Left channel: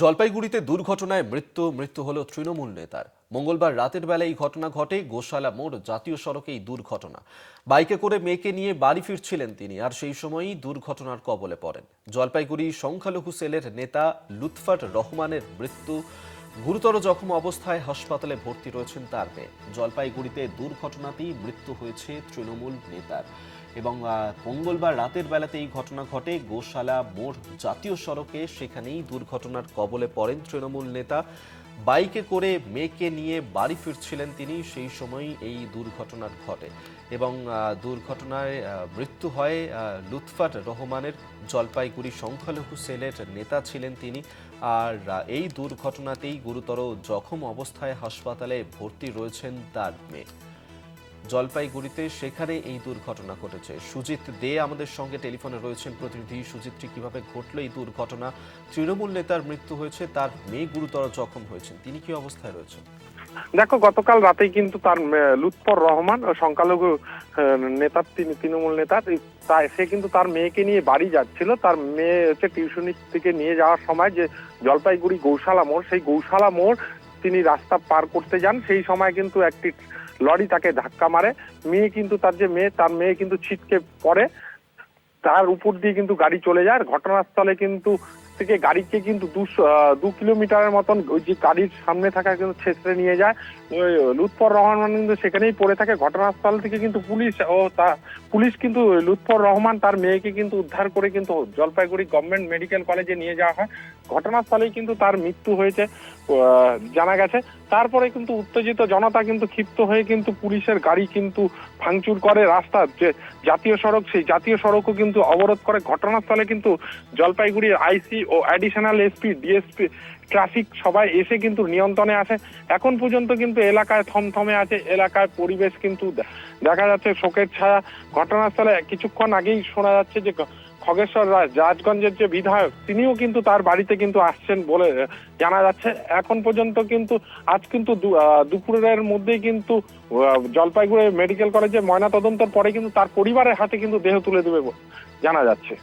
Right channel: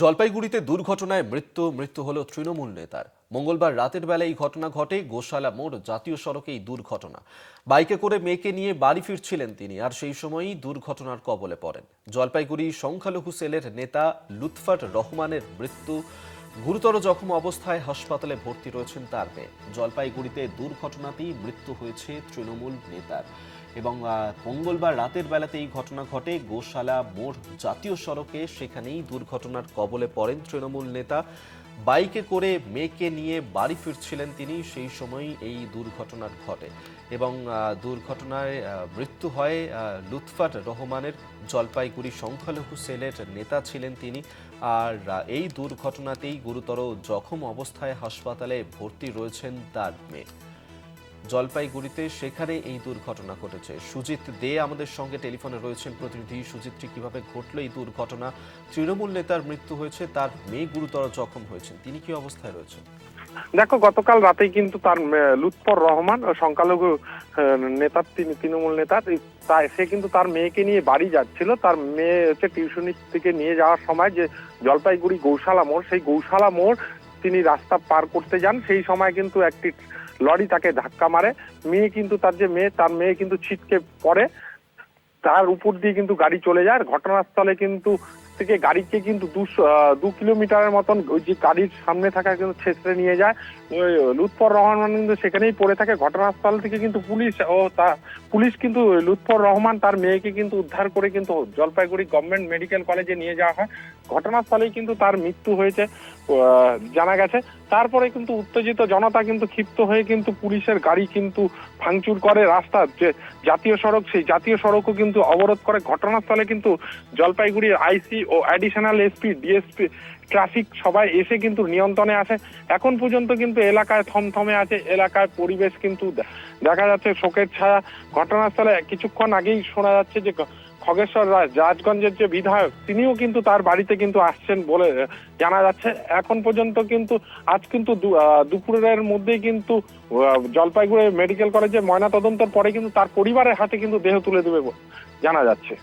জলপাইগুড়িতে দুর্ঘটনায় মৃত্যু হলো তৃণমূল নেতার। মঙ্গলবার রাতের বেলা এই ঘটনা ঘটে গোশালা মোড় জাতীয় সড়কে। এই দুর্ঘটনা, বাইকে করে মেয়েকে নিয়ে বাড়ি ফিরছিলেন তিনি, আর সেই সময়ই দুর্ঘটনার কবলে পড়েন। জলপাইগুড়ি সংখ্যালঘু সেলের নেতা লুৎফার রহমানের মৃত্যু। গুরুতর জখম অবস্থায় হাসপাতালে ভর্তি রয়েছেন তার মেয়ে। জলপাইগুড়িতে দুর্ঘটনাতেই মৃত্যু হয়েছে তৃণমূল নেতার এবং মঙ্গলবার রাতের বেলাতে এই ঘটনা ঘটে গোশালা মোড় জাতীয় সড়কে। সেখানেই দুর্ঘটনার কবলে পড়েন তৃণমূল নেতা। বাইকে করে মেয়েকে নিয়ে বাড়ি ফিরছিলেন তিনি, সেই সময়ই এই দুর্ঘটনার ঘটে এবং দুর্ঘটনায় মৃত্যু হয় লুৎফার রহমানের। জলপাইগুড়ি সংখ্যালঘু সেলের নেতা ছিলেন তিনি, আর এই দুর্ঘটনাতেই গুরুতর জখম অবস্থায় হাসপাতালে ভর্তি রয়েছেন তার মেয়ে। জলপাইগুড়িতে সেখানে এই দুর্ঘটনা ঘটেছে। সুজিত দে আমাদের সঙ্গে টেলিফোনে রয়েছেন প্রতিনিধি। সুজিতটি, কিভাবে ঘটলো এই দুর্ঘটনা? তৃণমূল নেতার মৃত্যু হয়েছে, তার মেয়ে গুরুতর জখম হয়েছেন, তিনি কি অবস্থায় রয়েছেন? দেখো, গতকাল রাতেই কিন্তু তার লুৎফর রহমান সংখ্যালঘু নেতা, তৃণমূল নেতা, সে কিন্তু তার মেয়েকে নিয়ে বাড়ি যাচ্ছিল। তার মেয়ে হচ্ছে টিউশনি থেকে নিয়ে যাওয়ার সময় যে জলপাইগুড়ি গৌশালা মোড়, সেই গৌশালা মোড় তিনি রাস্তা পার করতে যান। সেই সময় কিন্তু একটি লরি তাকে ধাক্কা মারে। তার মেয়ে কিন্তু ছিটকে পড়ে, তার উপর দিয়ে কিন্তু গাড়ি চলে যায়। ঘটনাস্থলে কিন্তু থেকে গাড়িকে কিন্তু 2 কিলোমিটারের মতন ওই যে গাড়ির সামনে থাকা কিন্তু ছেঁচড়ে নিয়ে যায়। ওই লুৎফর রহমান কিন্তু সেখানেই পড়ে থাকে। ঘটনাস্থল থেকে কিন্তু পুলিশ কিন্তু লুৎফর রহমান তার মেয়েকে কিন্তু উদ্ধার করে কিন্তু জলপাইগুড়ি গভর্নমেন্ট মেডিকেল কলেজে নিয়ে যাওয়া হয়। ঘটনাস্থলেই কিন্তু তার মৃত্যু হয়েছে জানা গেছে। তারপরে কিন্তু উত্তেজিত জনতা কিন্তু ক্ষিপ্ত হয়ে কিন্তু পুলিশের গাড়ি কিন্তু ভাঙচুর করে। রাস্তার যে জাতীয় সড়ক, সেই জাতীয় সড়কও কিন্তু অবরোধ করে। ঘটনাস্থলে কিন্তু জলপাইগুড়ির আইসি ও অ্যাডিশনাল এসপি, ডিএসপি, ট্রাফিক সবাই এসে কিন্তু নিয়ন্ত্রণে আছে। এখন পর্যন্ত কিন্তু এলাকায় থমথমে আছে। এলাকায় পরিবেশ কিন্তু দেখা যাচ্ছে শোকের ছায়া। ঘটনাস্থলে কিছুক্ষণ আগেই শোনা যাচ্ছে যে খগেশ্বর রাজগঞ্জের যে বিধায়ক, তিনিও কিন্তু তার বাড়িতে কিন্তু আসছেন বলে জানা যাচ্ছে। এখন পর্যন্ত কিন্তু আজ কিন্তু দুপুরের মধ্যেই কিন্তু জলপাইগুড়ি মেডিকেল কলেজে ময়নাতদন্তের পরে কিন্তু তার পরিবারের হাতে কিন্তু দেহ তুলে দেবে জানা যাচ্ছে।